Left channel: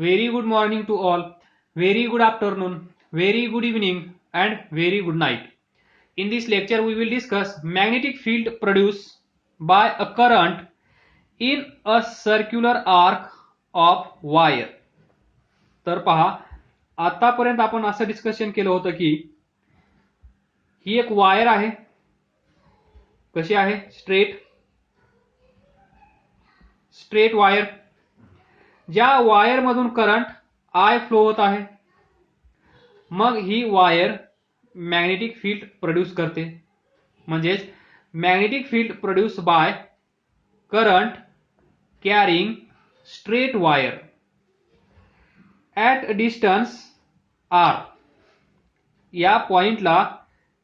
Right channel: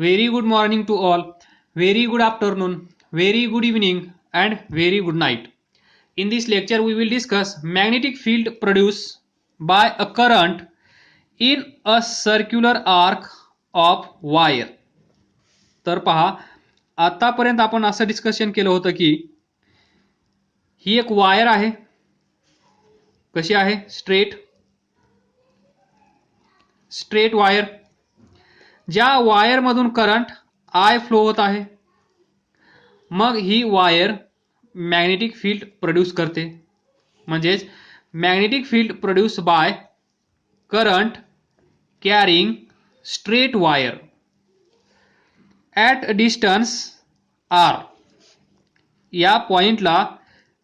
Very good morning to all. Very good afternoon. Very good evening and very good night. In this lecture we will discuss magnetic field produced by a current in a circular arc of wire. तर पहा आतापर्यंत आपण असं discussion केलं होतं की ही एक wire आहे. कशी आहे? Straight wire. ज्या वायर मधून करंट I फ्लो होत आहे. मग ही वायर मॅग्नेटिक फील्ड प्रोड्यूस करते. म्हणजेच magnetic field produce by current carrying straight wire at distance R. या पॉइंटला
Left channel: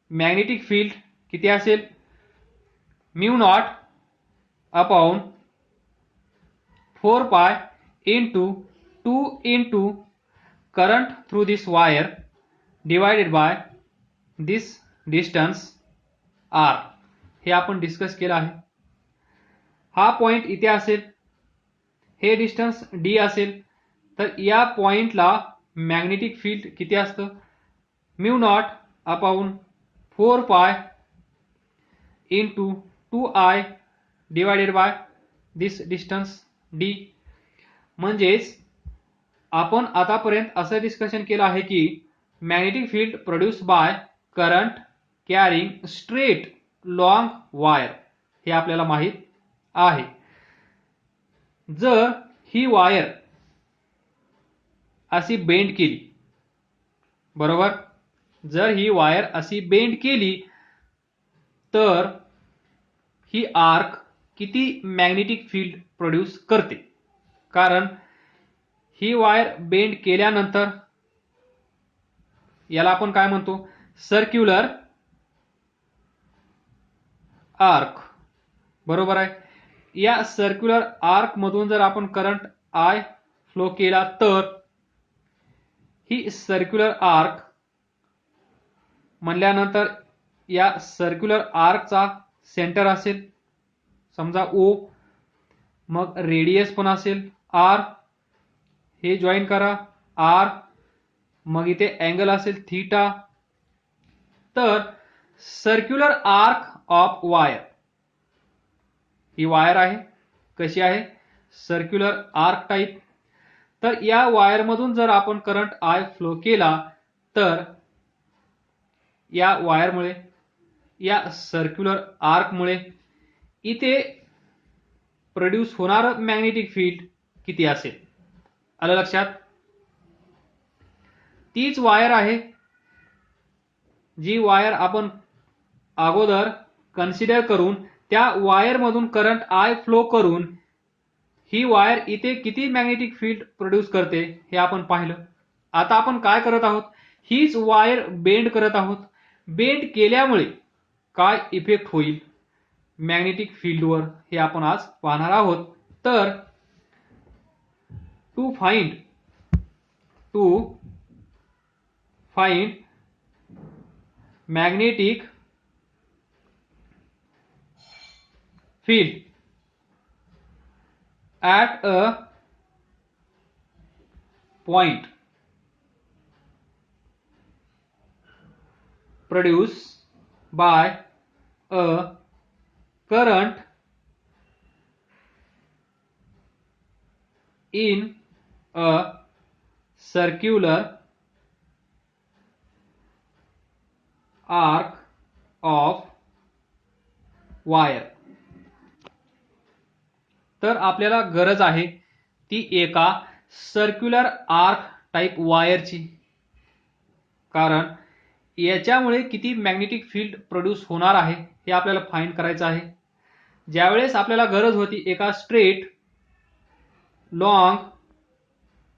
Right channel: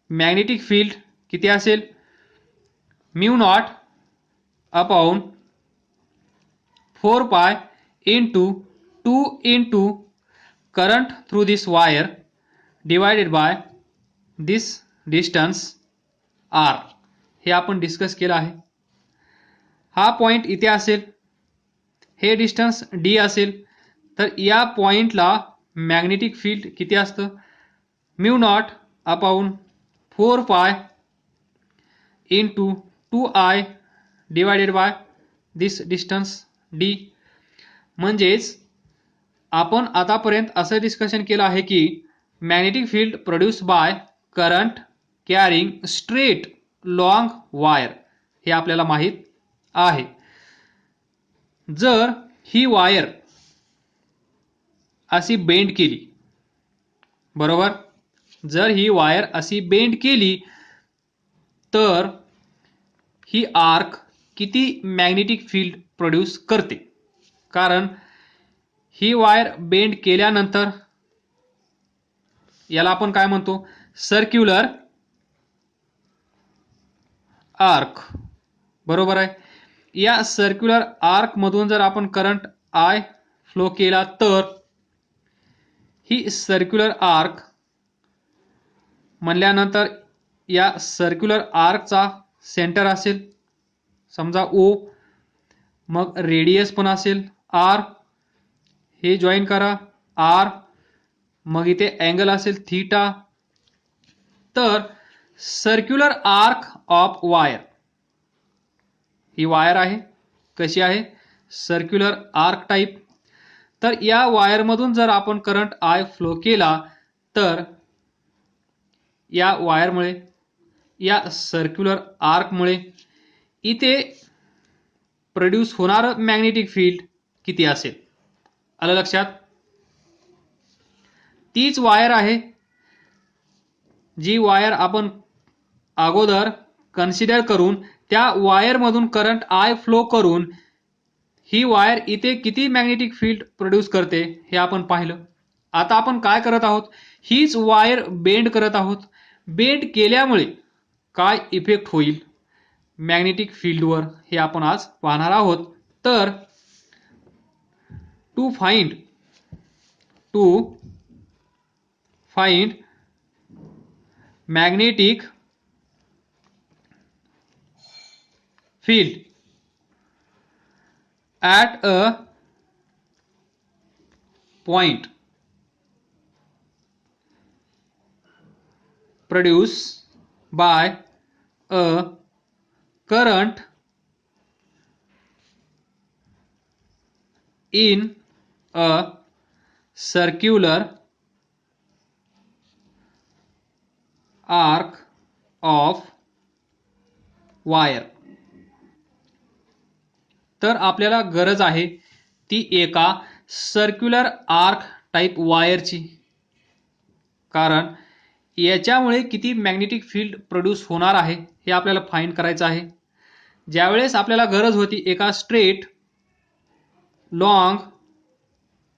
मॅग्नेटिक फील्ड किती असेल? Mu naught upon 4 pi into 2 into current through this wire divided by this distance R. हे आपण discuss केलं आहे. हा पॉइंट इथे असेल, हे डिस्टन्स डी असेल, तर या पॉइंटला मॅग्नेटिक फील्ड किती असतं? Mu naught upon 4 pi into 2I divided by this distance D. म्हणजेच आपण आतापर्यंत असं डिस्कशन केलं आहे की magnetic field produce by current carrying straight long wire हे आपल्याला माहित आहे. जर ही वायर अशी बेंड केली, बरोबर, जर ही वायर अशी बेंड केली तर ही आर्क किती मॅग्नेटिक फील्ड प्रोड्यूस करते? कारण ही वायर बेंड केल्यानंतर याला आपण काय म्हणतो? सर्क्युलर आर्क, बरोबर आहे. या सर्क्युलर आर्क मधून जर आपण करंट I फ्लो केला तर ही सर्क्युलर आर्क म्हणल्यानंतर या सर्क्युलर आर्कचा सेंटर असेल समजा O, मग रेडियस पण असेल R. हे जॉईन करा R, मग इथे अँगल असेल थीटा. तर circular arc of wire, he wire आहे. कशी आहे? Circular arc type. तर या वायर मधून जर आपण करंट I फ्लो केला तर या वायरमुळे, या सर्क्युलर आर्कमुळे इथे प्रोड्यूस होणार मॅग्नेटिक फील्ड किती असेल? आलं लक्षात? तीच वायर आहे जी वायर आपण अगोदर कन्सिडर करून त्या वायर मधून करंट I फ्लो करून ही वायर इथे किती मॅग्नेटिक फील्ड प्रोड्यूस करते हे आपण पाहिलं. आता आपण काय करत आहोत? हीच वायर बेंड करत आहोत. बेंड केल्यामुळे काय इफेक्ट होईल मॅग्नेटिक फील्डवर हे आपण आज पाहणार आहोत. तर to find magnetic field at a point produced by a current in a circular arc of wire. तर आपल्याला गरज आहे ती एका सर्क्युलर आर्क टाइप वायरची. कारण याच्यामुळे किती मॅग्नेटिक फील्ड प्रोड्यूस होणार आहे हे आपल्याला फाइंड करायचं आहे. ज्यावेळेस आपल्याला गरज होती एका स्ट्रेट लॉंग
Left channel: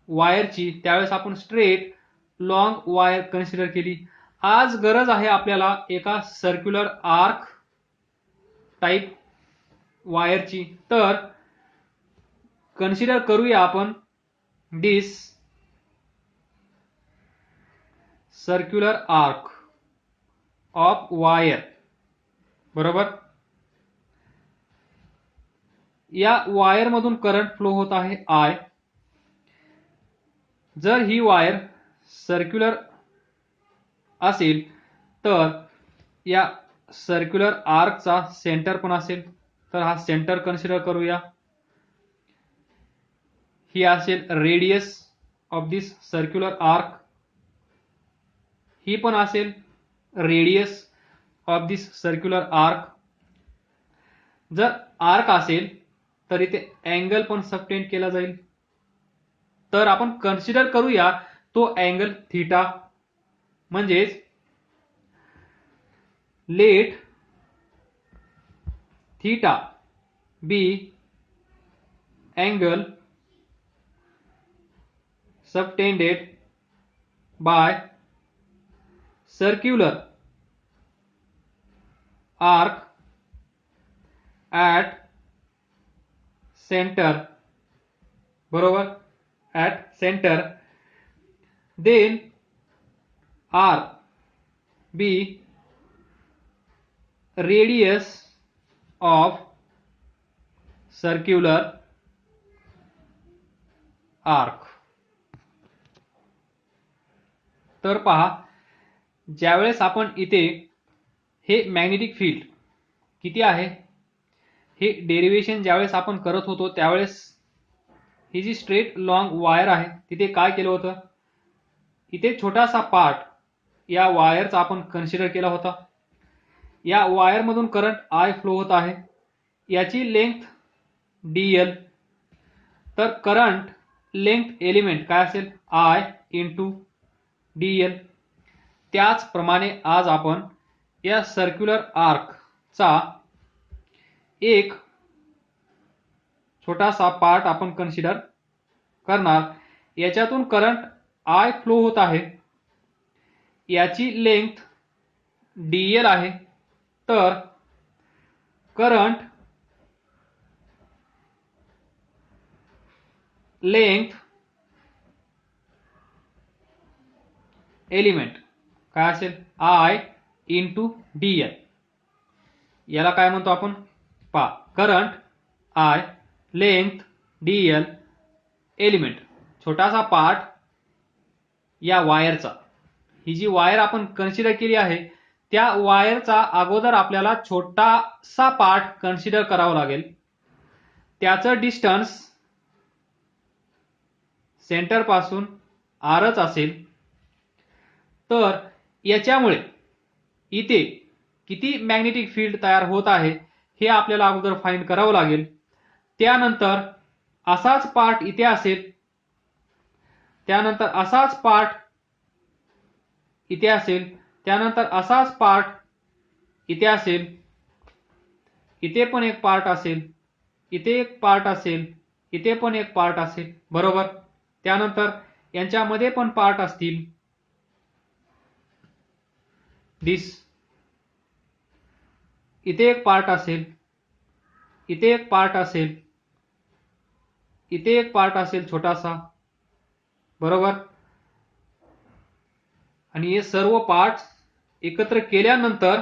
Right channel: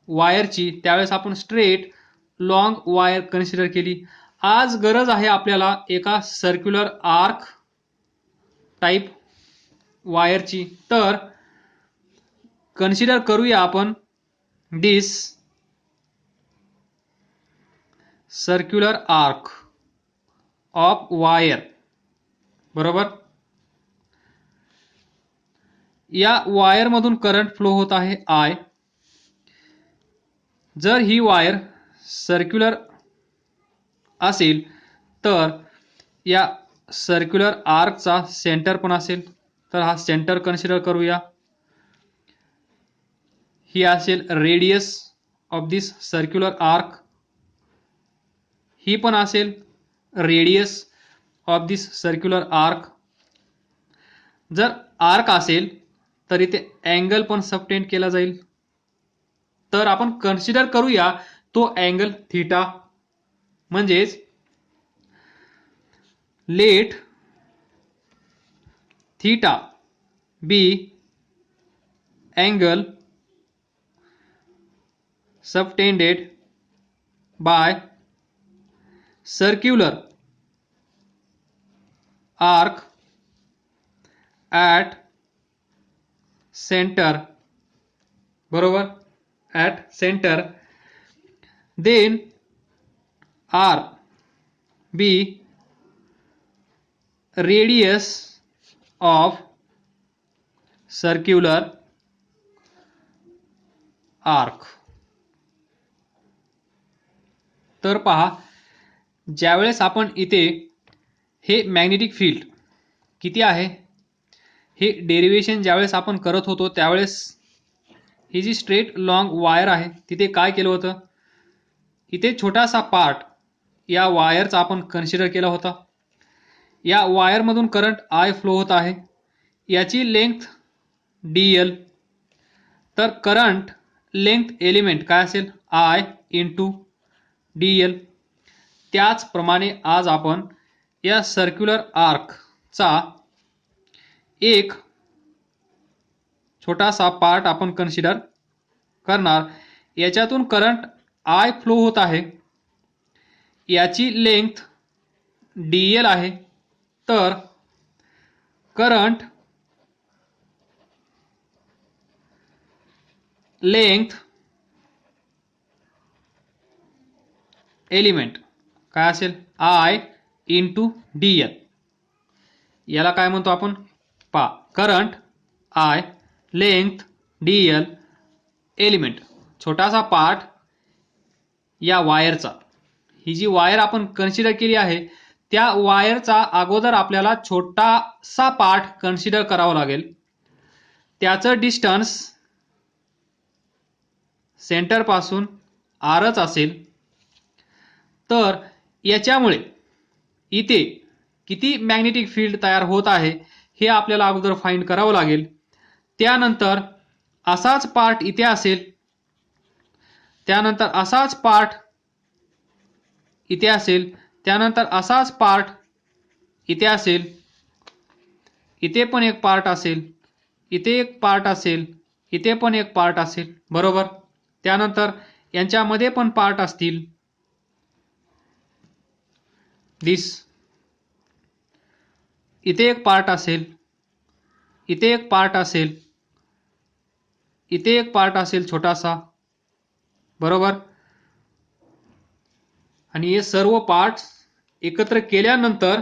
वायरची त्यावेळेस आपण स्ट्रेट लॉंग वायर कन्सिडर केली. आज गरज आहे आपल्याला एका सर्क्युलर आर्क टाइप वायरची. तर कन्सिडर करूया आपण दिस सर्क्युलर आर्क ऑफ वायर, बरोबर. या वायर मधून करंट फ्लो होत आहे I. जर ही वायर सर्क्युलर असेल तर या सर्क्युलर आर्कचा सेंटर पण असेल, तर हा सेंटर कन्सिडर करूया. ही असेल radius of this circular arc. ही पण असेल radius of this circular arc. जर आर्क असेल तर इथे अँगल पण सबटेंड केला जाईल. तर आपण कन्सिडर करूया तो अँगल थीटा. म्हणजेच let theta be angle subtended by circular arc at center, बरोबर, at center. Then R be radius of circular arc. तर पहा, ज्यावेळेस आपण इथे हे मॅग्नेटिक फील्ड किती आहे हे डेरिव्हेशन ज्यावेळेस आपण करत होतो त्यावेळेस ही जी स्ट्रेट लॉंग वायर आहे तिथे काय केलं होतं, इथे छोटासा पार्ट या वायरचा आपण कन्सिडर केला होता. या वायरमधून करंट आय फ्लो होत आहे, याची लेंथ dl. तर करंट लेंथ एलिमेंट काय असेल I इंटू dl. त्याचप्रमाणे आज आपण या सर्क्युलर आर्कचा एक छोटासा पार्ट आपण कन्सिडर करणार. याच्यातून करंट I फ्लो होत आहे, याची लेंथ dl आहे. तर करंट लेंथ एलिमेंट काय असेल I इंटू dl. याला काय म्हणतो आपण, पा current I length dl element, छोटासा पार्ट या वायरचा. ही जी वायर आपण कन्सिडर केली आहे त्या वायरचा अगोदर आपल्याला छोटासा पार्ट कन्सिडर करावा लागेल. त्याचं डिस्टन्स सेंटर पासून आरच असेल. तर याच्यामुळे इथे किती मॅग्नेटिक फील्ड तयार होत आहे हे आपल्याला अगोदर फाइंड करावं लागेल. त्यानंतर असाच पार्ट इथे असेल, त्यानंतर असाच पार्ट इथे असेल, त्यानंतर असाच पार्ट इथे असेल, इथे पण एक पार्ट असेल, इथे एक पार्ट असेल, इथे पण एक पार्ट असेल, बरोबर. त्यानंतर यांच्यामध्ये पण पार्ट असतील, दिस इथे एक पार्ट असेल, इथे एक पार्ट असेल, इथे एक पार्ट असेल छोटासा, बरोबर. आणि हे सर्व पार्ट्स एकत्र केल्यानंतर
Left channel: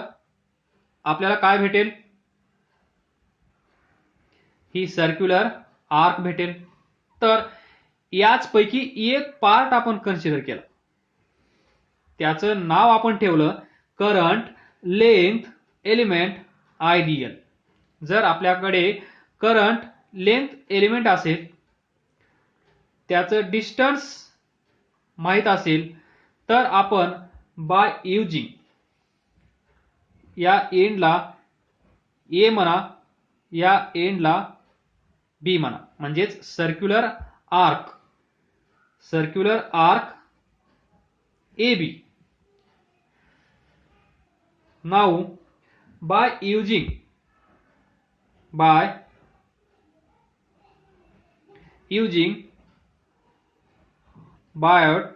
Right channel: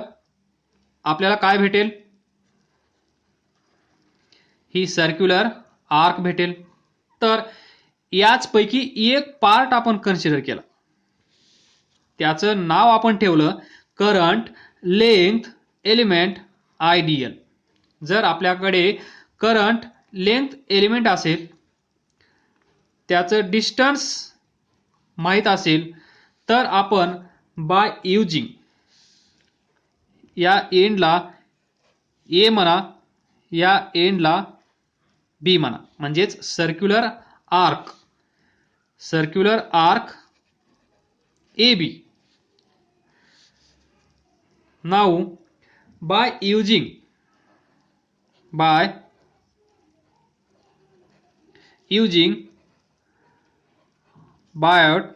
आपल्याला काय भेटेल, ही सर्क्युलर आर्क भेटेल. तर याचपैकी एक पार्ट आपण कन्सिडर केला, त्याचं नाव आपण ठेवलं करंट लेंथ एलिमेंट IDL. जर आपल्याकडे करंट लेंथ एलिमेंट असेल, त्याचं डिस्टन्स माहित असेल, तर आपण बाय युजिंग या एंडला A म्हणा, या एंडला B म्हणा, म्हणजेच circular arc AB. Now by using Biot-Savart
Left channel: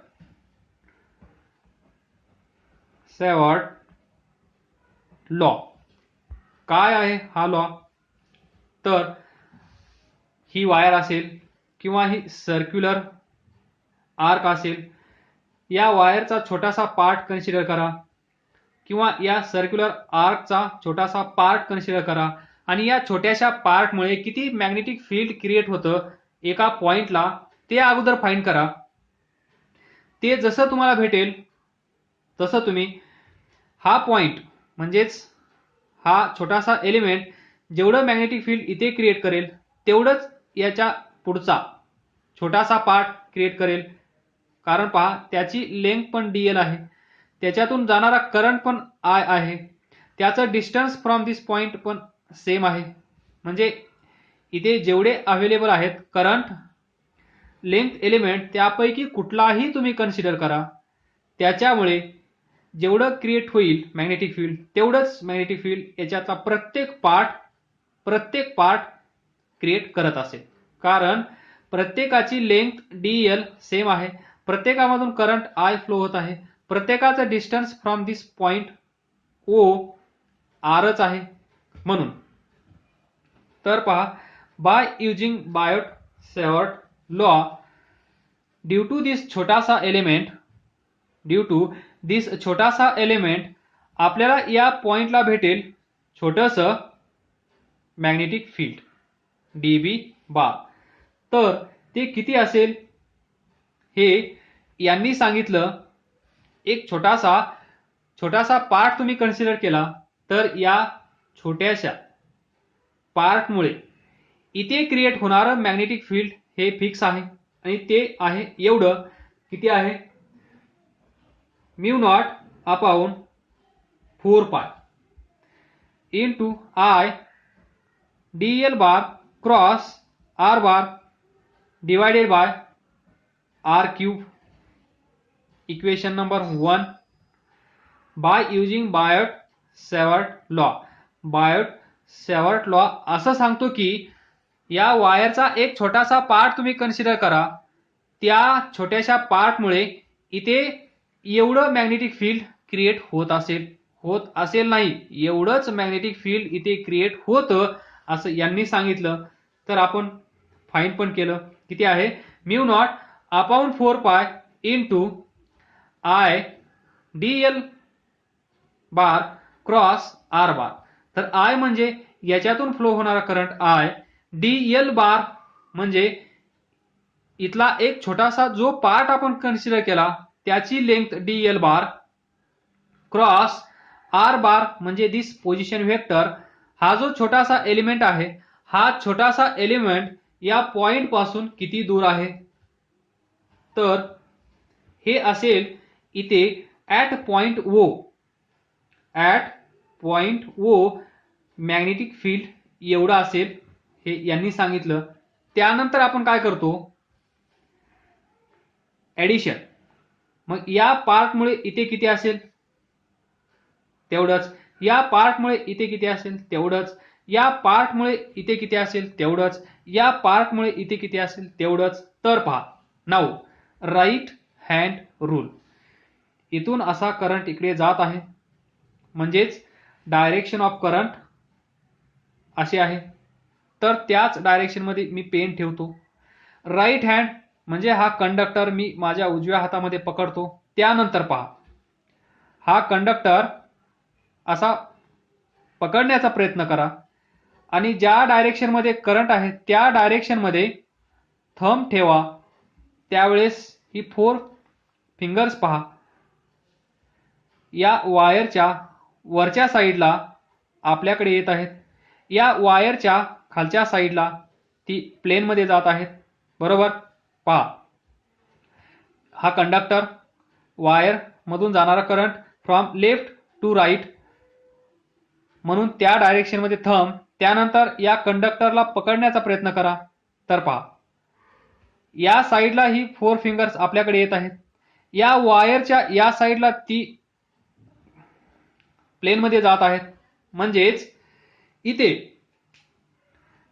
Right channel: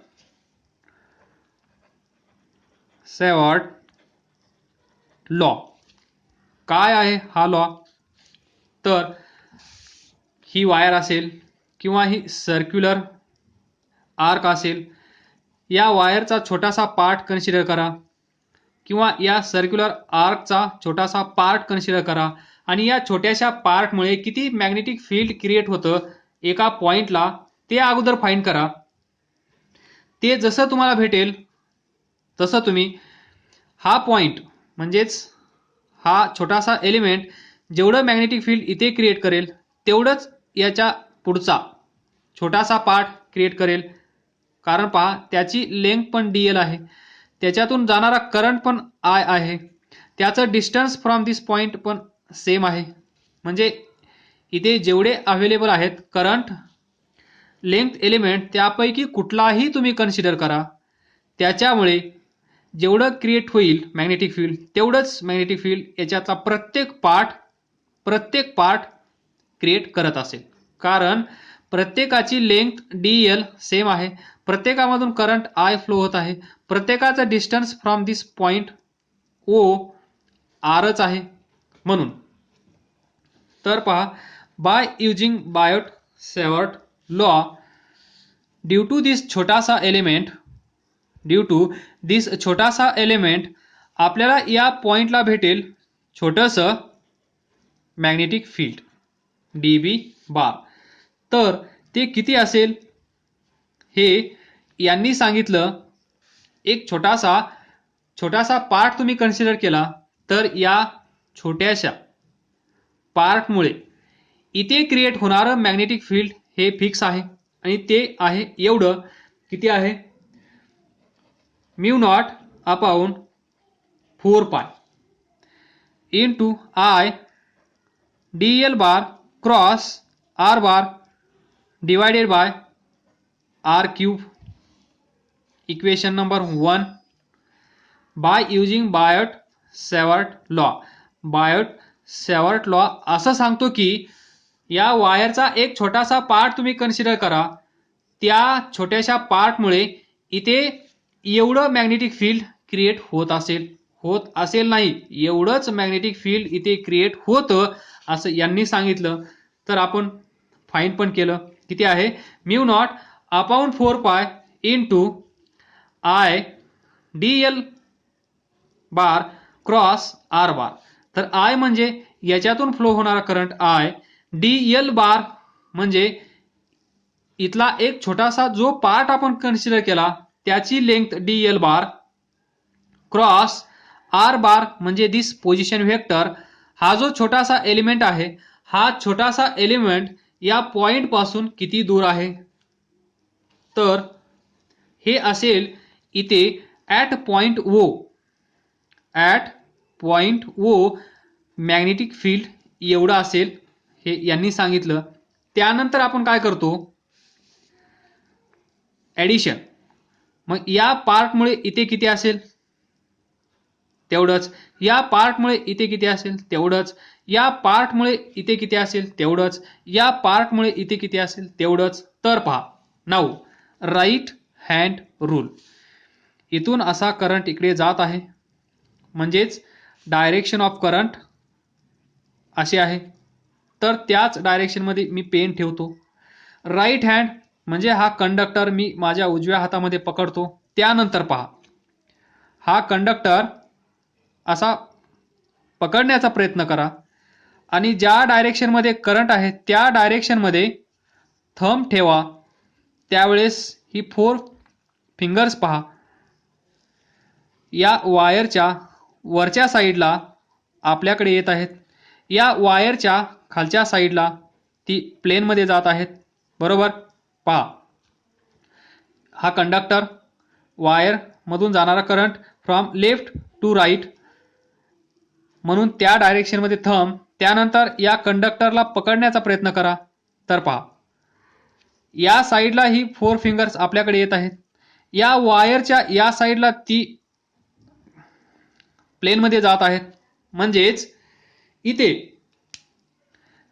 law. काय आहे हा लॉ, तर ही वायर असेल किंवा ही सर्क्युलर आर्क असेल, या वायरचा छोटासा पार्ट कन्सिडर करा किंवा या सर्क्युलर आर्कचा छोटासा पार्ट कन्सिडर करा आणि या छोट्याशा पार्टमुळे किती मॅग्नेटिक फील्ड क्रिएट होतं एका पॉइंटला ते अगोदर फाइंड करा. ते जसं तुम्हाला भेटेल तसं तुम्ही हा पॉइंट म्हणजेच हा छोटासा एलिमेंट जेवढं मॅग्नेटिक फील्ड इथे क्रिएट करेल तेवढंच याच्या पुढचा छोटासा पार्ट क्रिएट करेल. कारण पहा त्याची लेंथ पण डी एल आहे, त्याच्यातून जाणारा करंट पण आय आहे, त्याचं डिस्टन्स फ्रॉम दिस पॉइंट पण सेम आहे. म्हणजे इथे जेवढे अवेलेबल आहेत करंट लेंथ एलिमेंट त्यापैकी कुठलाही तुम्ही कन्सिडर करा, त्याच्यामुळे जेवढं क्रिएट होईल मॅग्नेटिक फील्ड तेवढंच मॅग्नेटिक फील्ड याच्याचा प्रत्येक पार्ट क्रिएट करत असेल. कारण प्रत्येकाची लेंथ डी एल सेम आहे, प्रत्येकामधून करंट आय फ्लो होत आहे, प्रत्येकाचं distance from this point O आरच आहे. म्हणून तर पहा, by using Biot Savart law, due to this छोटासा एलिमेंट आपल्याला या पॉइंटला भेटेल छोटंसं magnetic field d B bar. तर ते किती असेल हे यांनी सांगितलं. एक छोटासा पार्ट तुम्ही कन्सिडर केला तर या छोट्याशा पार्टमुळे इथे क्रिएट होणारं मॅग्नेटिक फील्ड हे फिक्स आहे आणि ते आहे एवढं. किती आहे? Mu naught upon 4 pi into I D L bar cross R bar divided by R cube. Equation number 1 by using Biot Savart law असं सांगतो की या वायरचा एक छोटासा पार्ट तुम्ही कन्सिडर करा, त्या छोट्याशा पार्टमुळे इथे एवढं मॅग्नेटिक फील्ड क्रिएट होत असेल नाही, एवढंच मॅग्नेटिक फील्ड इथे क्रिएट होतं असं यांनी सांगितलं. तर आपण फाइंड पण केलं. किती आहे? Mu naught upon 4 pi into I D L bar cross R bar. तर आय म्हणजे याच्यातून फ्लो होणारा current I, D L bar म्हणजे इथला एक छोटासा जो पार्ट आपण कन्सिडर केला त्याची length D L bar cross R bar म्हणजे दिस पोझिशन व्हेक्टर. हा जो छोटासा एलिमेंट आहे, हा छोटासा एलिमेंट या पॉइंट पासून किती दूर आहे? तर हे असेल इथे at point O magnetic field एवढं असेल हे यांनी सांगितलं. त्यानंतर आपण काय करतो? ॲडिशन. मग या पार्टमुळे इथे किती असेल तेवढंच, या पार्टमुळे इथे किती असेल तेवढंच, या पार्टमुळे इथे किती असेल तेवढंच, या पार्टमुळे इथे किती असेल तेवढंच. तर पहा, नाऊ राईट हँड रूल. इथून असा करंट इकडे जात आहे, म्हणजेच डायरेक्शन ऑफ करंट असे आहे. तर त्याच डायरेक्शनमध्ये मी पेन ठेवतो. राईट हँड म्हणजे हा कंडक्टर मी माझ्या उजव्या हातामध्ये पकडतो. त्यानंतर पहा, हा कंडक्टर असा पकडण्याचा प्रयत्न करा आणि ज्या डायरेक्शनमध्ये करंट आहे त्या डायरेक्शनमध्ये थंब ठेवा. त्यावेळेस ही 4 फिंगर्स पहा या वायरच्या वरच्या साईडला आपल्याकडे येत आहेत, या वायरच्या खालच्या साईडला ती प्लेनमध्ये जात आहेत. बरोबर? पहा, हा कंडक्टर, वायर मधून जाणारा current from left to right, म्हणून त्या डायरेक्शनमध्ये थंब. त्यानंतर या कंडक्टरला पकडण्याचा प्रयत्न करा. तर पहा, या साईडला ही 4 फिंगर्स आपल्याकडे येत आहेत, या वायरच्या या साईडला ती प्लेनमध्ये जात आहेत. म्हणजेच इथे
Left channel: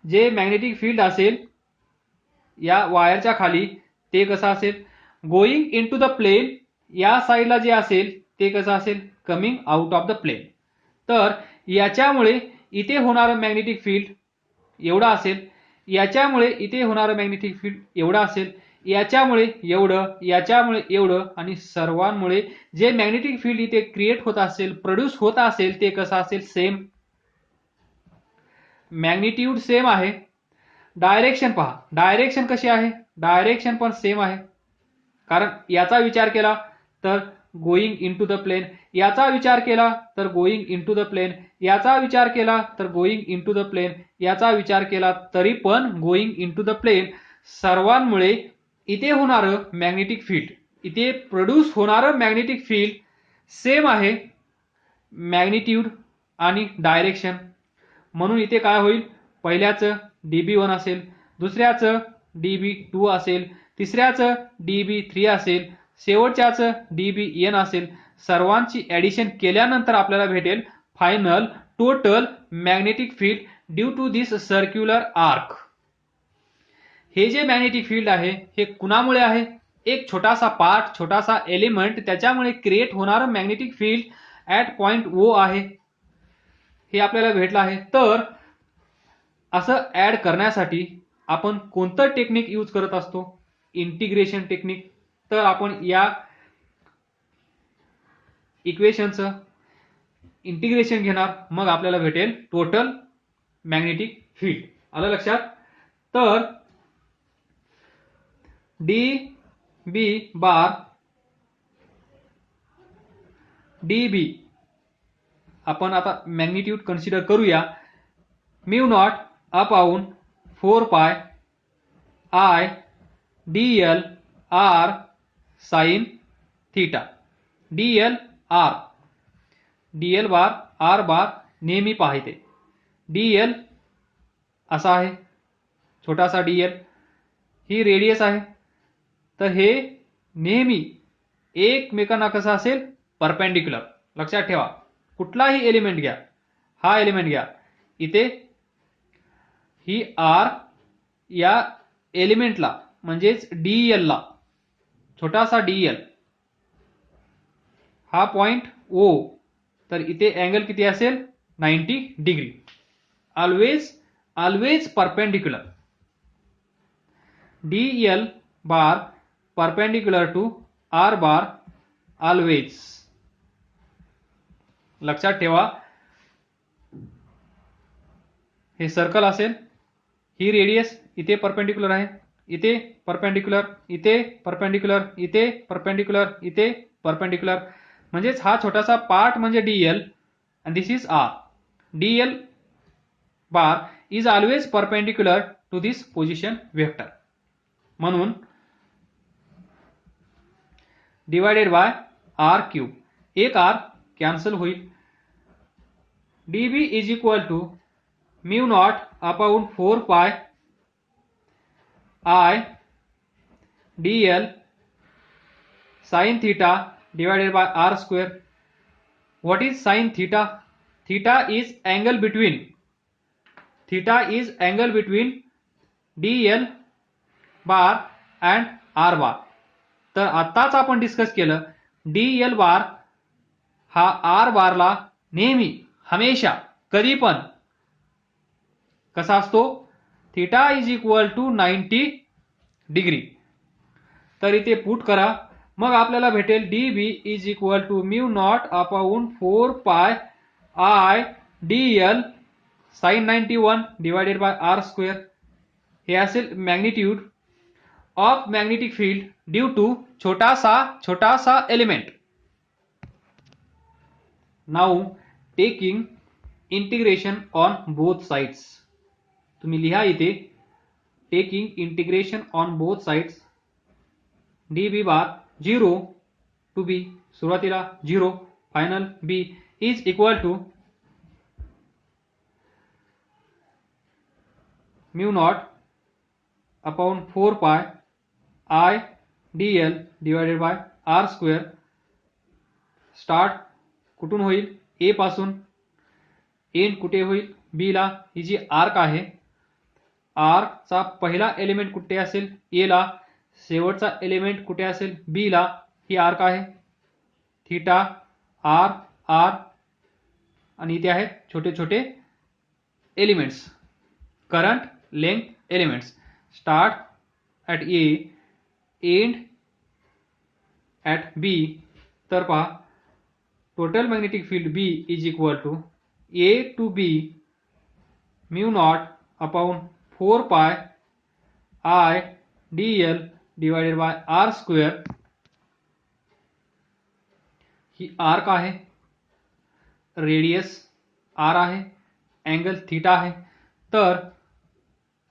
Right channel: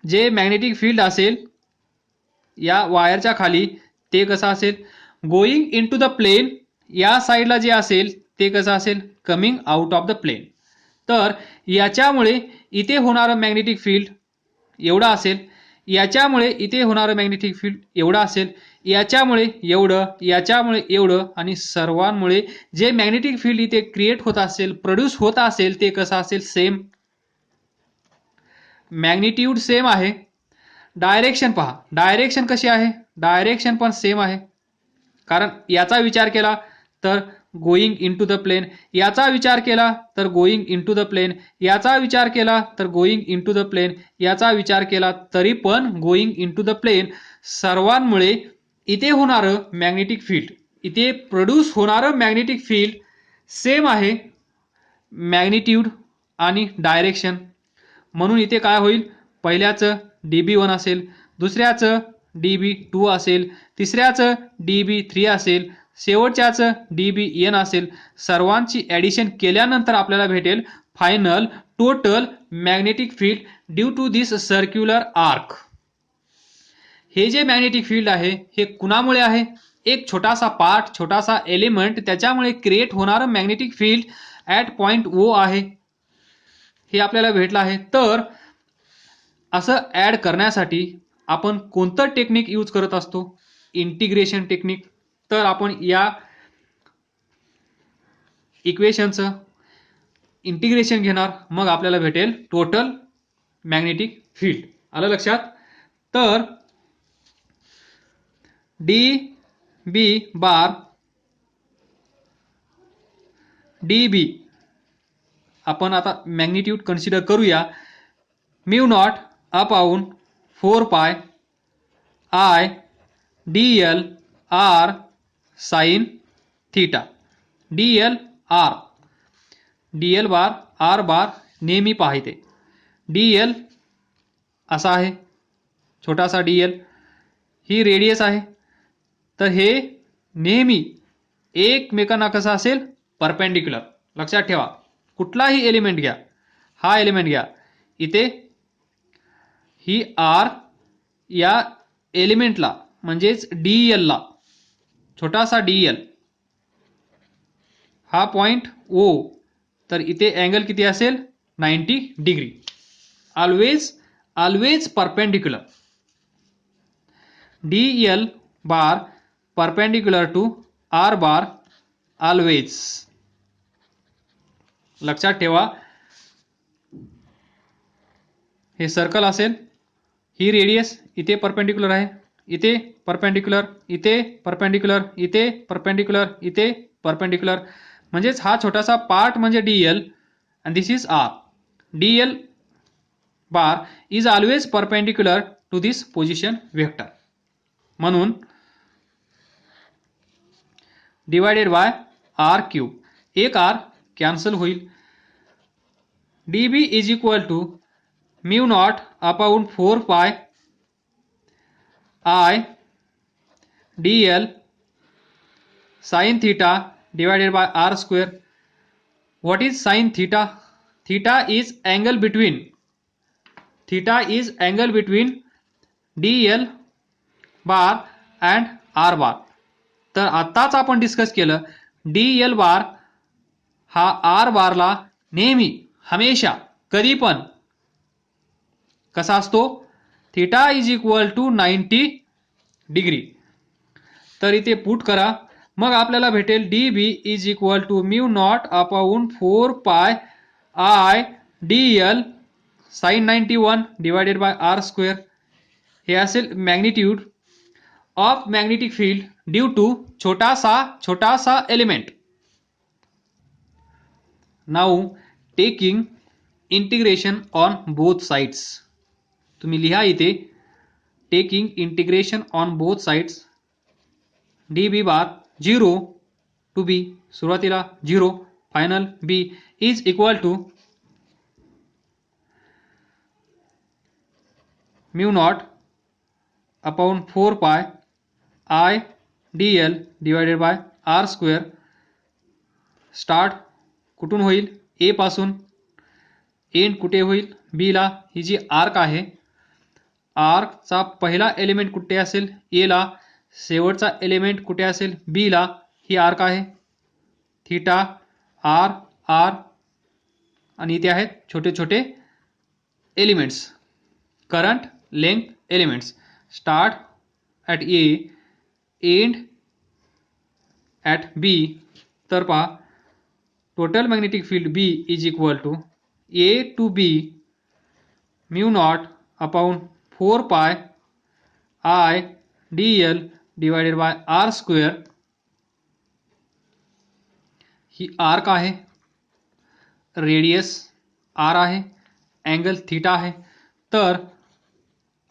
जे मॅग्नेटिक फील्ड असेल या वायरच्या खाली ते कसं असेल? Going into the plane. या साईडला जे असेल ते कसं असेल? Coming out of the plane. तर याच्यामुळे इथे होणारं मॅग्नेटिक फील्ड एवढं असेल, याच्यामुळे इथे होणारं मॅग्नेटिक फील्ड एवढं असेल, याच्यामुळे एवढं, याच्यामुळे एवढं, आणि सर्वांमुळे जे मॅग्नेटिक फील्ड इथे क्रिएट होत असेल, प्रोड्यूस होत असेल ते कसं असेल? सेम. मॅग्निट्यूड सेम आहे. डायरेक्शन पहा, डायरेक्शन कशी आहे? डायरेक्शन पण सेम आहे. कारण याचा विचार केला तर गोईंग इनटू द प्लेन, याचा विचार केला तर गोईंग इनटू द प्लेन, याचा विचार केला तर गोईंग इनटू द प्लेन, याचा विचार केला तरी पण गोईंग इनटू द प्लेन, सर्वांमुळे इथे होणारं मॅग्नेटिक फील्ड, इथे प्रोड्यूस होणारं मॅग्नेटिक फील्ड सेम आहे मॅग्निट्यूड आणि डायरेक्शन. म्हणून इथे काय होईल, पहिल्याचं DB1 असेल, दुसऱ्याचं DB2 असेल, तिसऱ्याचं DB3 असेल, शेवटच्याचं DBN असेल. सर्वांची ॲडिशन केल्यानंतर आपल्याला भेटेल final total magnetic field due to this circular arc. हे जे मॅग्नेटिक फील्ड आहे हे कुणामुळे आहे, एक छोटासा पार्ट, छोटासा एलिमेंट, त्याच्यामुळे क्रिएट होणारं magnetic field at point O आहे, हे आपल्याला भेटलं आहे. तर असं ॲड करण्यासाठी आपण कोणतं टेक्निक यूज करत असतो, इंटिग्रेशन टेक्निक. तर आपण या इक्वेशनचं इंटिग्रेशन घेणार, मग आपल्याला भेटेल टोटल मॅग्नेटिक फील्ड. आलं लक्षात. तर DB बार DB आपण आता मॅग्निट्यूड कन्सिडर करूया, mu naught upon 4 pi I dl r sine theta. dl bar r बार नेहमी पाहिजे. dl असा आहे, छोटासा dl, ही रेडियस आहे. तर हे नेहमी एकमेकांना कसं असेल, परपेंडिक्युलर. लक्षात ठेवा, कुठलाही एलिमेंट घ्या, हा एलिमेंट घ्या, इथे ही R या एलिमेंटला म्हणजेच DL ला, छोटासा DL, हा पॉइंट O, तर इथे अँगल किती असेल, 90 degree. Always perpendicular. DL bar perpendicular to R bar always. लक्षात ठेवा, हे सर्कल असेल, ही रेडियस इथे परपेंडिक्युलर आहे, इथे परपेंडिक्युलर, इथे परपेंडिक्युलर, इथे परपेंडिक्युलर, इथे परपेंडिक्युलर. म्हणजेच हा छोटासा पार्ट म्हणजे DL and this is R. DL bar is always perpendicular to this position vector. म्हणून डिवाइडेड बाय R क्यूब, एक R कॅन्सल होईल. DB is equal to mu naught upon 4 pi I dl sin theta divided by R square. What is sin theta? Theta is angle between DL bar and R बार. तर आताच आपण discuss केलं, DL बार हा R बारला नेहमी, हमेशा, कधी पण कसा असतो, theta is equal to 90 degree. तर इथे पुट करा, मग आपल्याला भेटेल DB is equal to mu naught upon 4 pi I dl sin 91 divided by R square. हे असेल magnitude of magnetic field due to छोटासा element. Now taking integration on both sides. तुम्ही लिहा इथे, taking integration on both sides. DB bar 0 to B, सुरुवातीला 0, final B is equal to mu naught upon 4 pi I dl divided by R square. Start कुठून होईल, A पासून, end कुठे होईल, B ला. ही जी आर्क आहे, आर्कचा पहिला एलिमेंट कुठे असेल, A ला, शेवटचा एलिमेंट कुठे असेल, B ला. ही आर्क आहे, थीटा R R, आणि इथे आहेत छोटे छोटे elements, current length elements. Start at A, end at B. तर पहा, total magnetic field B is equal to A to B mu naught upon 4 pi I dl divided by R square ही arc आहे, radius R आहे, angle theta आहे. तर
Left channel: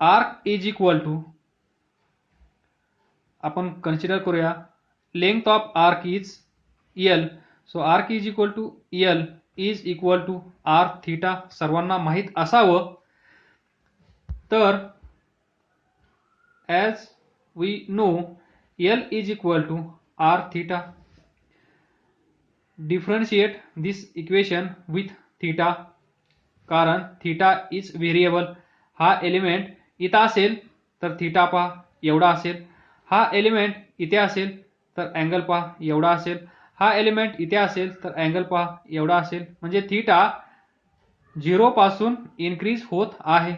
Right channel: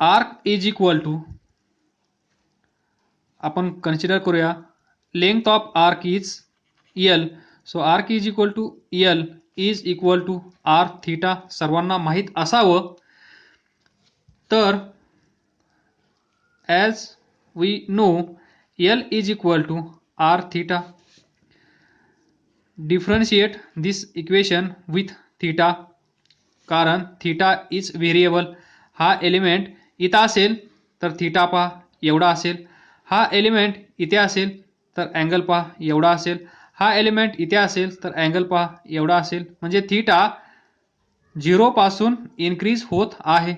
arc is equal to, आपण consider करूया, length of arc is L. So arc is equal to L is equal to R theta सर्वांना माहीत असावं. तर as we know L is equal to R theta. Differentiate this equation with theta, कारण theta is variable. हा element इथं असेल तर theta पहा एवढा असेल, हा एलिमेंट इथे असेल तर अँगल पहा एवढा असेल, हा एलिमेंट इथे असेल तर अँगल पहा एवढा असेल. म्हणजे थीटा 0 पासून इन्क्रीज होत आहे,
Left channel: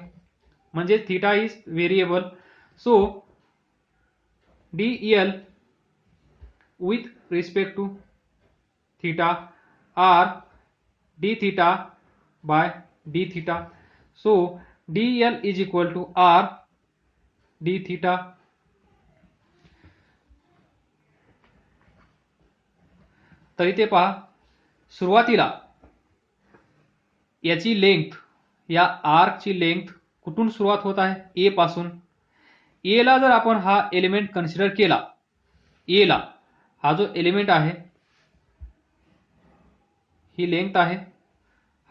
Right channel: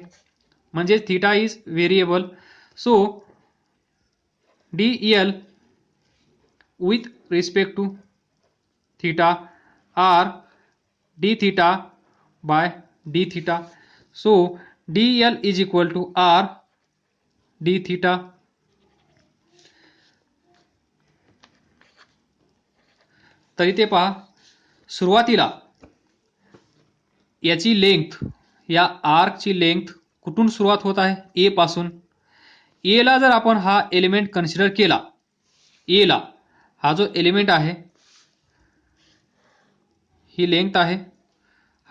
म्हणजे theta is variable. So D L with respect to theta are d theta by d theta. So dl is equal to r d theta. तर इथे पहा, सुरुवातीला याची लेंथ, या आर्कची लेंथ कुठून सुरुवात होत आहे, ए पासून. ए ला जर आपण हा एलिमेंट कन्सिडर केला, ए ला हा जो एलिमेंट आहे, ही लेंथ आहे,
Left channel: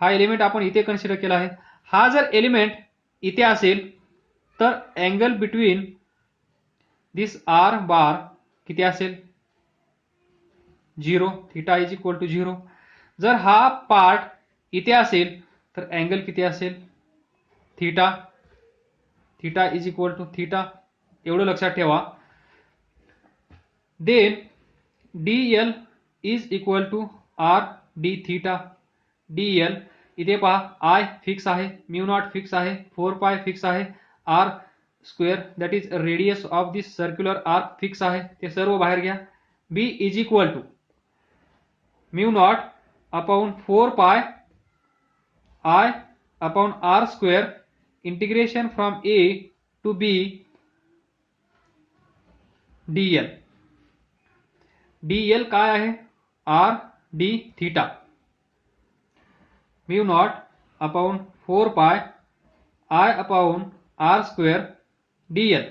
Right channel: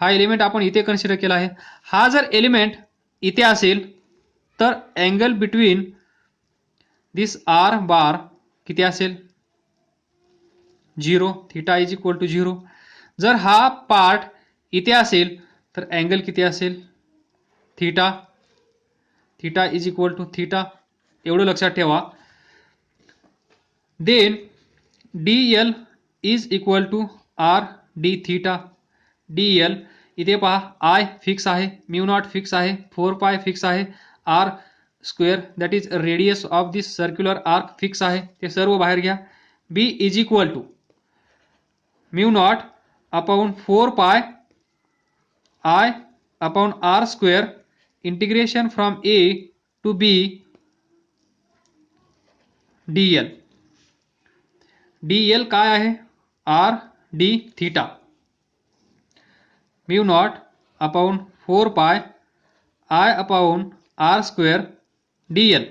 हा एलिमेंट आपण इथे कन्सिडर केला आहे. हा जर एलिमेंट इथे असेल तर angle between this R bar किती असेल, 0. Theta is equal to 0. जर हा पार्ट इथे असेल तर अँगल किती असेल, theta. Theta is equal to theta, एवढं लक्षात ठेवा. Then d L is equal to R D theta. D l इथे पहा, आय फिक्स आहे, म्यू नॉट फिक्स आहे, 4 पाय फिक्स आहे, r square that is radius of this circular arc fix आहे, ते सर्व बाहेर घ्या. B is equal to mu naught upon 4 pi I upon R square integration from A to B D L. D L काय आहे, R D theta. Mu naught upon 4 pi I upon R square D L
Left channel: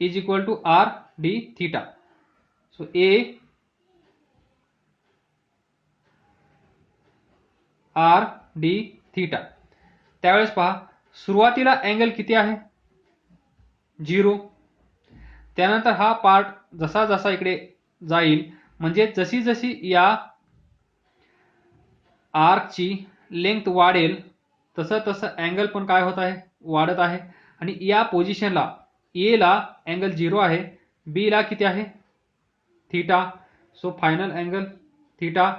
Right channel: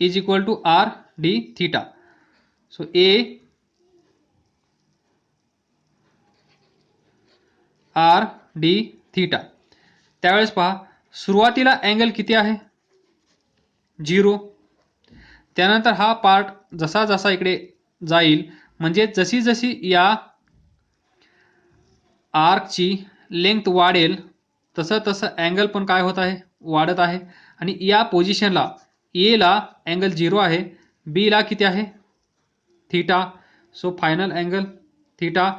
is equal to R D theta. So A R D theta. त्यावेळेस पहा, सुरुवातीला angle किती आहे, 0. त्यानंतर हा part जसा जसा इकडे जाईल, म्हणजे जशी जशी या आर्कची लेंथ वाढेल तसं तसं अँगल पण काय होत आहे, वाढत आहे. आणि या पोझिशनला ए ला अँगल 0 आहे, बी ला किती आहे, theta. So final angle theta,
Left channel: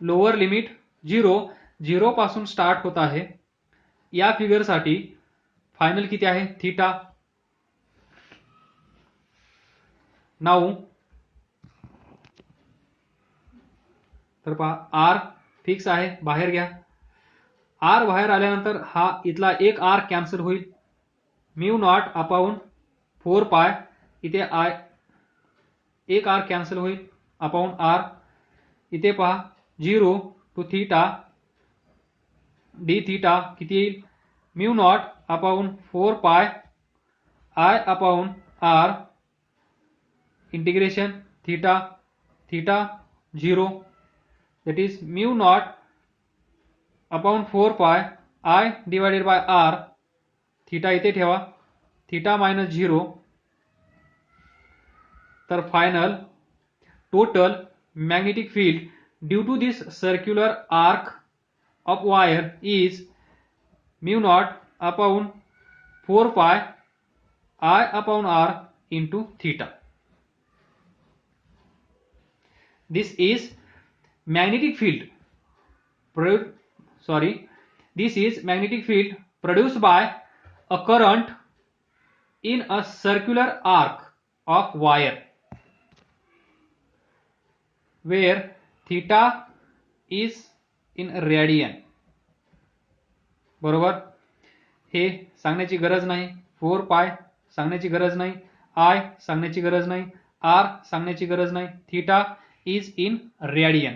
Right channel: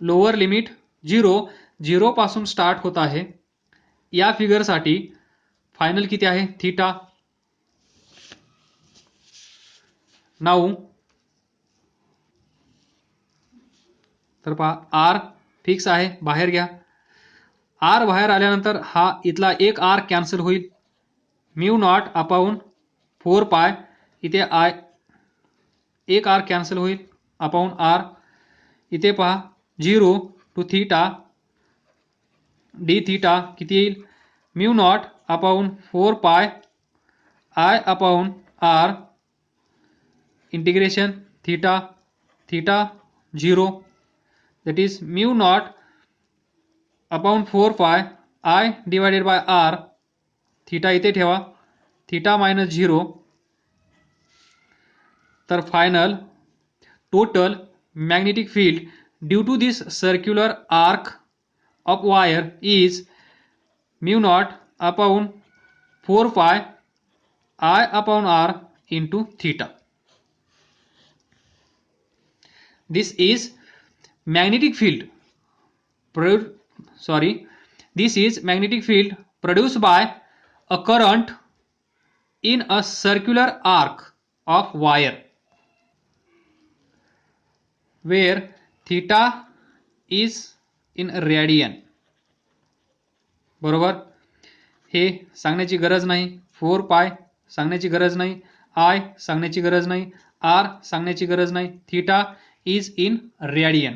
lower limit 0, 0 पासून स्टार्ट होत आहे. या फिगरसाठी फायनल किती आहे, थीटा. नाऊ तर पहा, आर फिक्स आहे, बाहेर घ्या. आर बाहेर आल्यानंतर हा इथला एक आर कॅन्सल होईल, म्यू नॉट अपॉन 4 पाय, इथे आय एक आर कॅन्सल होईल अपॉन आर. इथे पहा 0 टू थीटा डी थीटा किती येईल, mu naught upon 4 pi I upon R integration theta, theta 0 that is mu naught upon 4 pi I divided by R. Theta इथे ठेवा, थीटा मायनस 0. तर final total magnetic field due to this circular arc of wire is mu naught upon 4 pi I upon R into theta. This is magnetic field this is magnetic field produced by a current in a circular arc of wire where theta is in radian. बरोबर, हे सांगण्याची गरज नाही, 4 पाय सांगण्याची गरज नाही, I सांगण्याची गरज नाही, आर सांगण्याची गरज नाही, थीटा इज इन रेडियन.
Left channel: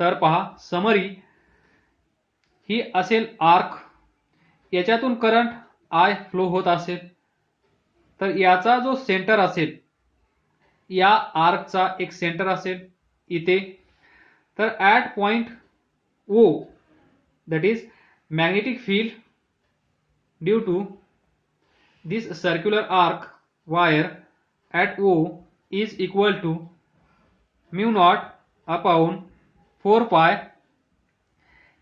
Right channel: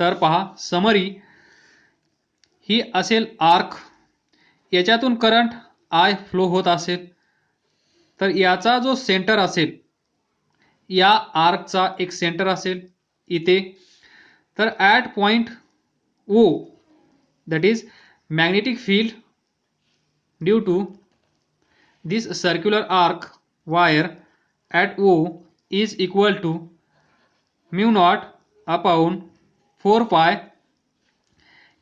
तर पहा समरी ही असेल आर्क, याच्यातून करंट आय फ्लो होत असेल, तर याचा जो सेंटर असेल, या आर्कचा एक सेंटर असेल इथे, तर at point O that is magnetic field due to this circular arc wire at O is equal to mu naught upon 4 pi.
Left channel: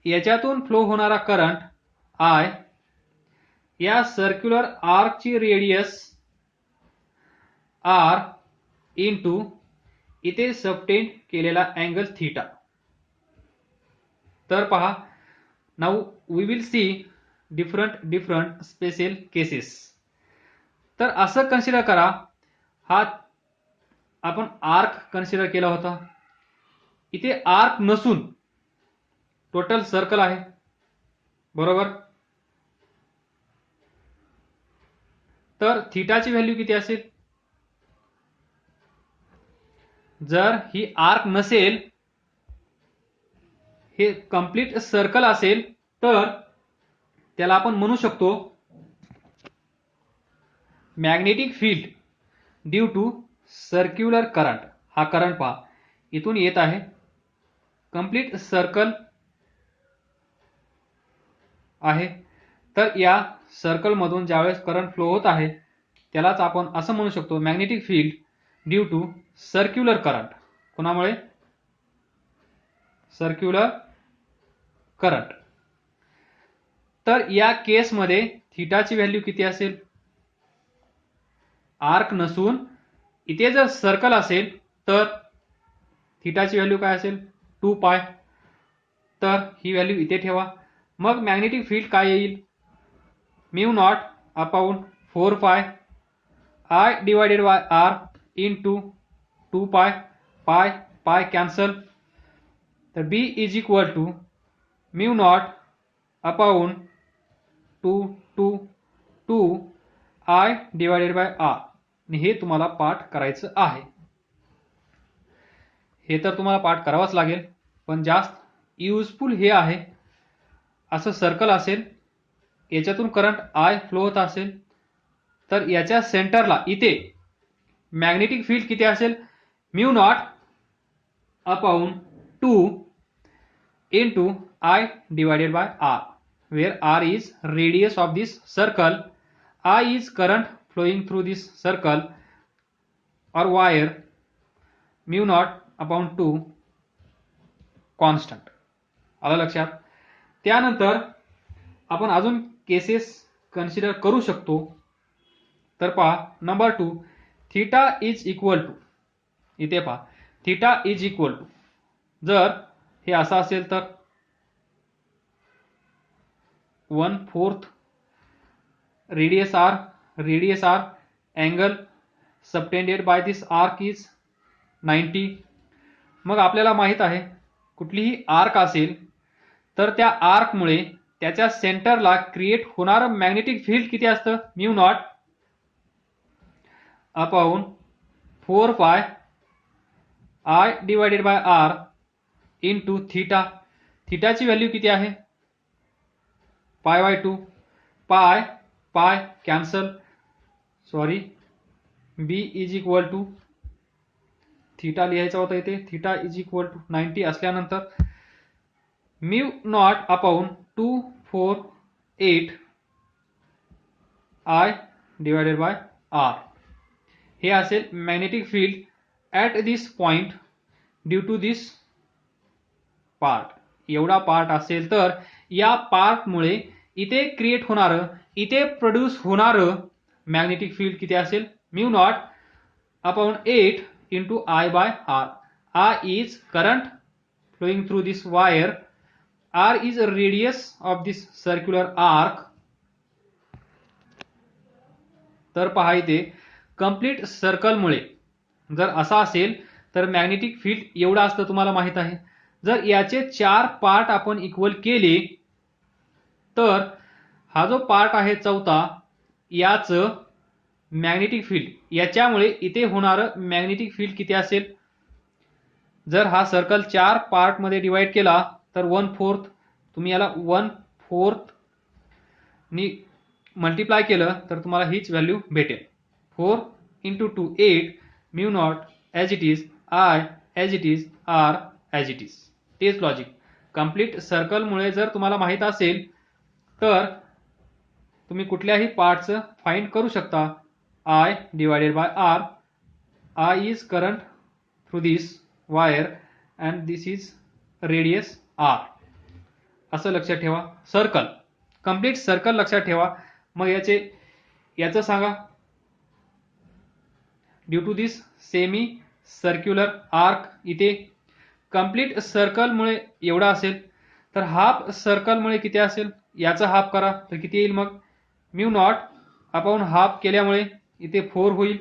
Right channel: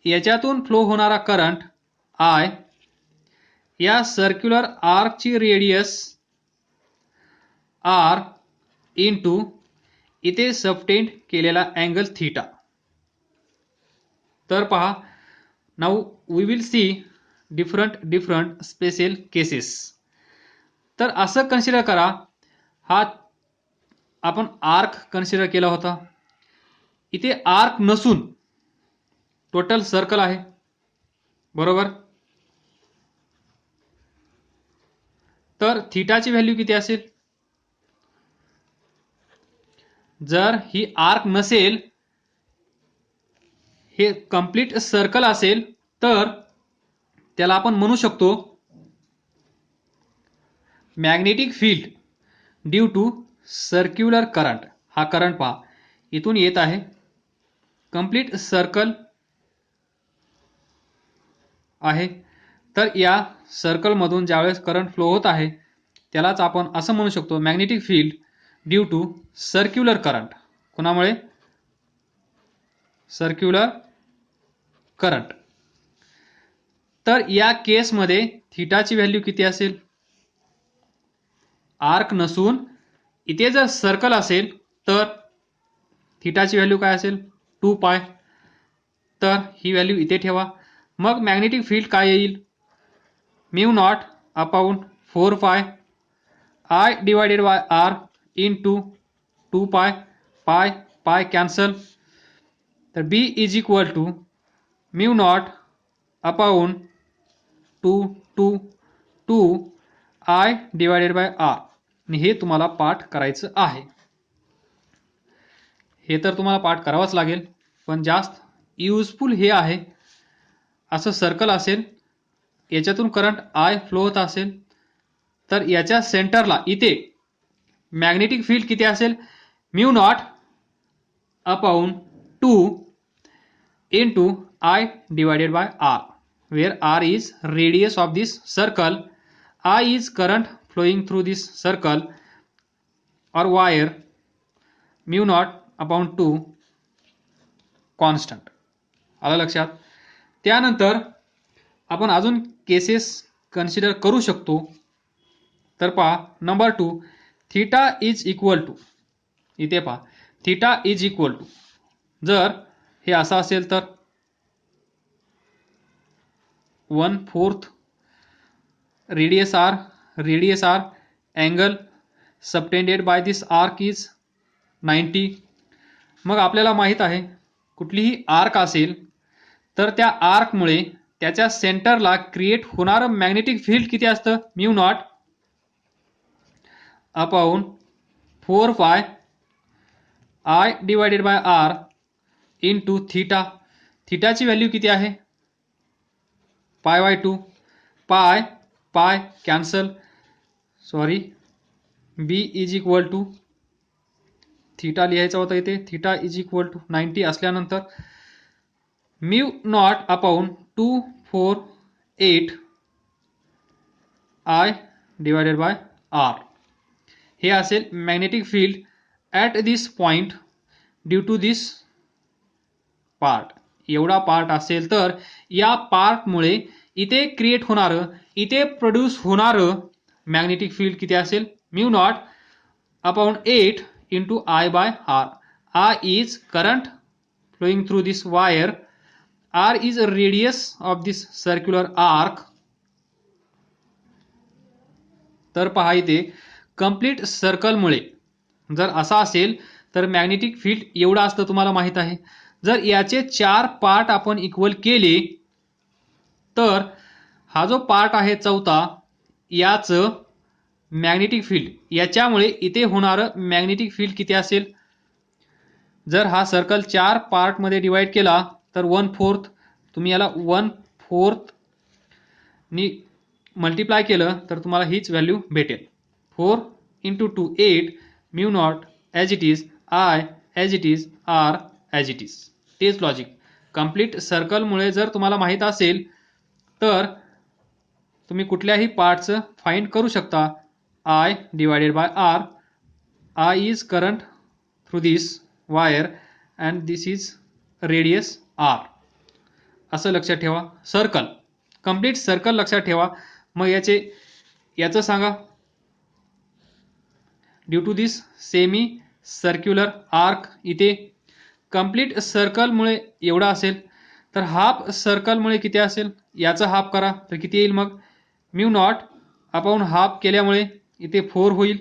याच्यातून फ्लो होणारा करंट आय, या सर्क्युलर आर्कची रेडियस आर इंटू इथे सबटेंड केलेला angle theta. तर पहा now we will see different special cases. तर असं कन्सिडर करा, हा आपण आर्क कन्सिडर केला होता, इथे आर्क नसून टोटल सर्कल आहे, बरोबर. तर थीटाची व्हॅल्यू किती असेल, जर ही आर्क नसेल, हे कंप्लीट सर्कल असेल, तर त्याला आपण म्हणू शकतो magnetic field due to circular current. हा करंट पहा इथून येत आहे, कंप्लीट सर्कल आहे, तर या सर्कलमधून ज्यावेळेस करंट फ्लो होत आहे त्यालाच आपण असं म्हणू शकतो magnetic field due to circular current. कोणामुळे, सर्क्युलर करंट. तर या केसमध्ये थीटाची व्हॅल्यू किती असेल, आर्क नसून इथे जर सर्कल असेल तर थीटाची व्हॅल्यू काय असेल, 2 पाय. तर ही व्हॅल्यू इथे ठेवा. मग मॅग्नेटिक फील्ड काय येईल, mu naught upon 4 pi I divided by R into 2 pi, pi pi cancel. तर B is equal to mu naught upon 2 I divided by r. आणि हे तुम्हाला पाठ करायचं आहे. हे तर तुम्हाला पाठ करावाच लागेल, पण जास्त युजफुल हे आहे. असं सर्कल असेल, याच्यातून करंट आय फ्लो होत असेल, तर याच्या सेंटरला इथे मॅग्नेटिक फील्ड किती असेल, mu naught upon 2 into I divided by R, where r is radius of this circle, I is current flowing through this circle or wire, mu naught upon 2 constant. आलं लक्षात. त्यानंतर आपण अजून केसेस कन्सिडर करू शकतो. तर पहा number 2, theta is equal to, इथे पहा थीटा इज इक्वल टू, जर हे असं असेल तर 1/4 radius r, angle subtended by this arc is 90. मग आपल्याला माहित आहे कुठलीही आर्क असेल तर त्या आर्कमुळे त्याच्या सेंटरला क्रिएट होणारं मॅग्नेटिक फील्ड किती असतं, mu naught upon 4 pi I divided by R into theta. थीटाची व्हॅल्यू किती आहे, π/2, pi pi cancel, sorry B is equal to, theta लिहायचा होता इथे, थीटा इज इक्वल टू 90 असल्यानंतर mu naught upon 248 I divided by R. हे असेल magnetic field at this point due to this part. एवढा पार्ट असेल तर या पार्टमुळे इथे क्रिएट होणारं, इथे प्रोड्यूस होणारं मॅग्नेटिक फील्ड किती असेल, mu naught upon 8 into I by R. R is current flowing through this wire, R is radius of this circular arc. तर पहा इथे कंप्लीट सर्कलमुळे जर असा असेल तर मॅग्नेटिक फील्ड एवढं असतं, तुम्हाला माहित आहे. जर याचे 4 पार्ट आपण इक्वल केले तर हा जो पार्ट आहे चौथा, याचं मॅग्नेटिक फील्ड, याच्यामुळे इथे होणारं मॅग्नेटिक फील्ड किती असेल, जर हा सर्कल 4 पार्टमध्ये डिवाइड केला तर 1/4 तुम्ही याला 1/4 नी मल्टिप्लाय केलं तर तुम्हाला हीच व्हॅल्यू भेटेल. 4 × 2 8 mu naught as it is I as it is R as it is. तेच लॉजिक. कंप्लीट सर्कलमुळे जर तुम्हाला माहीत असेल तर तुम्ही कुठल्याही पार्टचं फाइंड करू शकता. I divided by R. I is current through this wire and this is radius R. असं लक्षात ठेवा. सर्कल, कंप्लीट सर्कल लक्षात ठेवा. मग याचं सांगा. Due to this semi circular arc इथे कंप्लीट सर्कलमुळे एवढा असेल तर हाफ सर्कलमुळे किती असेल, याचा हाफ करा तर किती येईल. मग म्यू नॉट अपॉन हाफ केल्यामुळे इथे 4 होईल.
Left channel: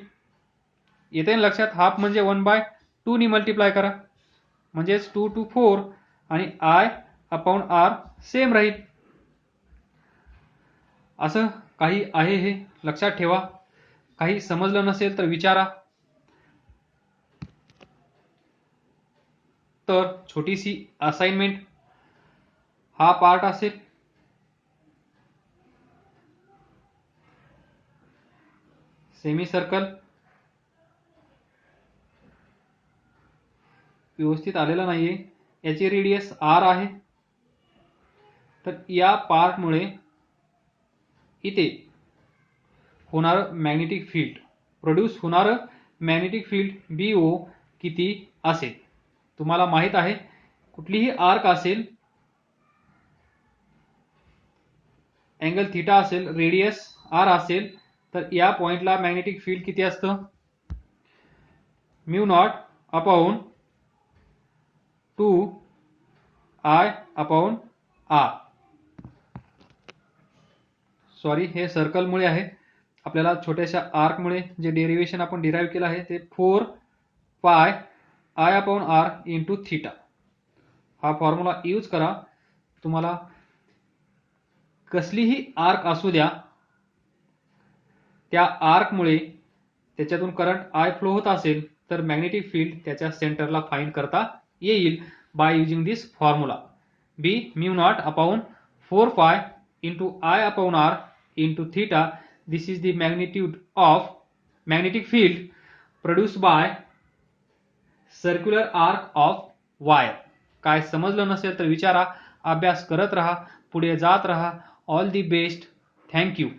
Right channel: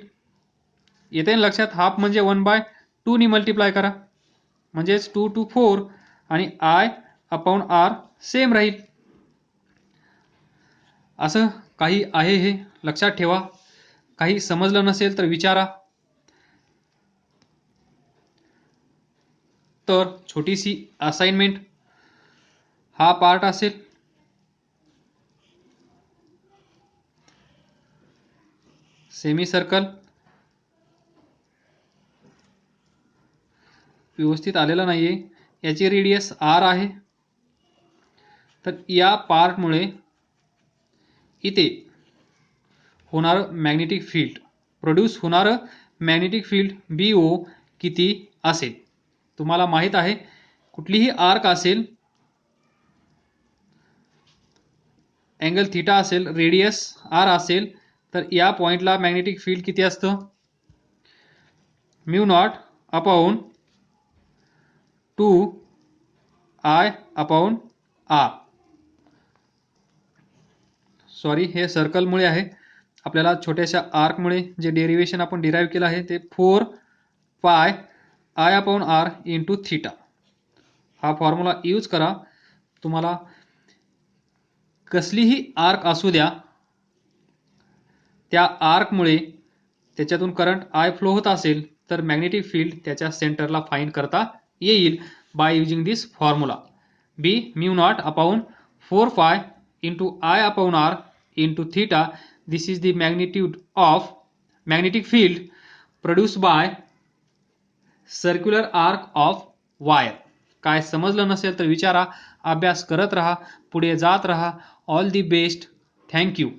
येते ना लक्षात. हाफ म्हणजे 1/2 नी मल्टिप्लाय करा म्हणजेच 2 to 4 आणि आय अपॉन आर सेम राहील. असं काही आहे हे लक्षात ठेवा. काही समजलं नसेल तर विचारा. तर छोटीशी असाइनमेंट, हा पार्ट असेल. सेमी सर्कल व्यवस्थित आलेला नाहीये. याची रेडियस आर आहे. तर या पार्टमुळे इथे होणारं मॅग्नेटिक फील्ड, प्रोड्यूस होणारं मॅग्नेटिक फील्ड BO किती असेल. तुम्हाला माहित आहे कुठलीही आर्क असेल, अँगल थिटा असेल, रेडियस आर असेल तर या पॉइंटला मॅग्नेटिक फील्ड किती असतं, mu naught upon 2 I upon R. Sorry, हे सर्कलमुळे आहे. आपल्याला छोट्याशा आर्कमुळे जे डेरिवेशन आपण डिराईव्ह केलं आहे ते 4 pi I upon R into theta. हा फॉर्म्युला यूज करा. तुम्हाला कसलीही आर्क असू द्या, त्या आर्कमुळे त्याच्यातून करंट आय फ्लो होत असेल तर मॅग्नेटिक फील्ड त्याच्या सेंटरला फाइंड करता येईल by using this formula. B mu naught upon 4 pi into I upon R into theta. This is the magnitude of magnetic field produced by circular arc of wire. काय समजलं नसेल तर विचारा. अभ्यास करत राहा, पुढे जात राहा. All the best. थँक्यू.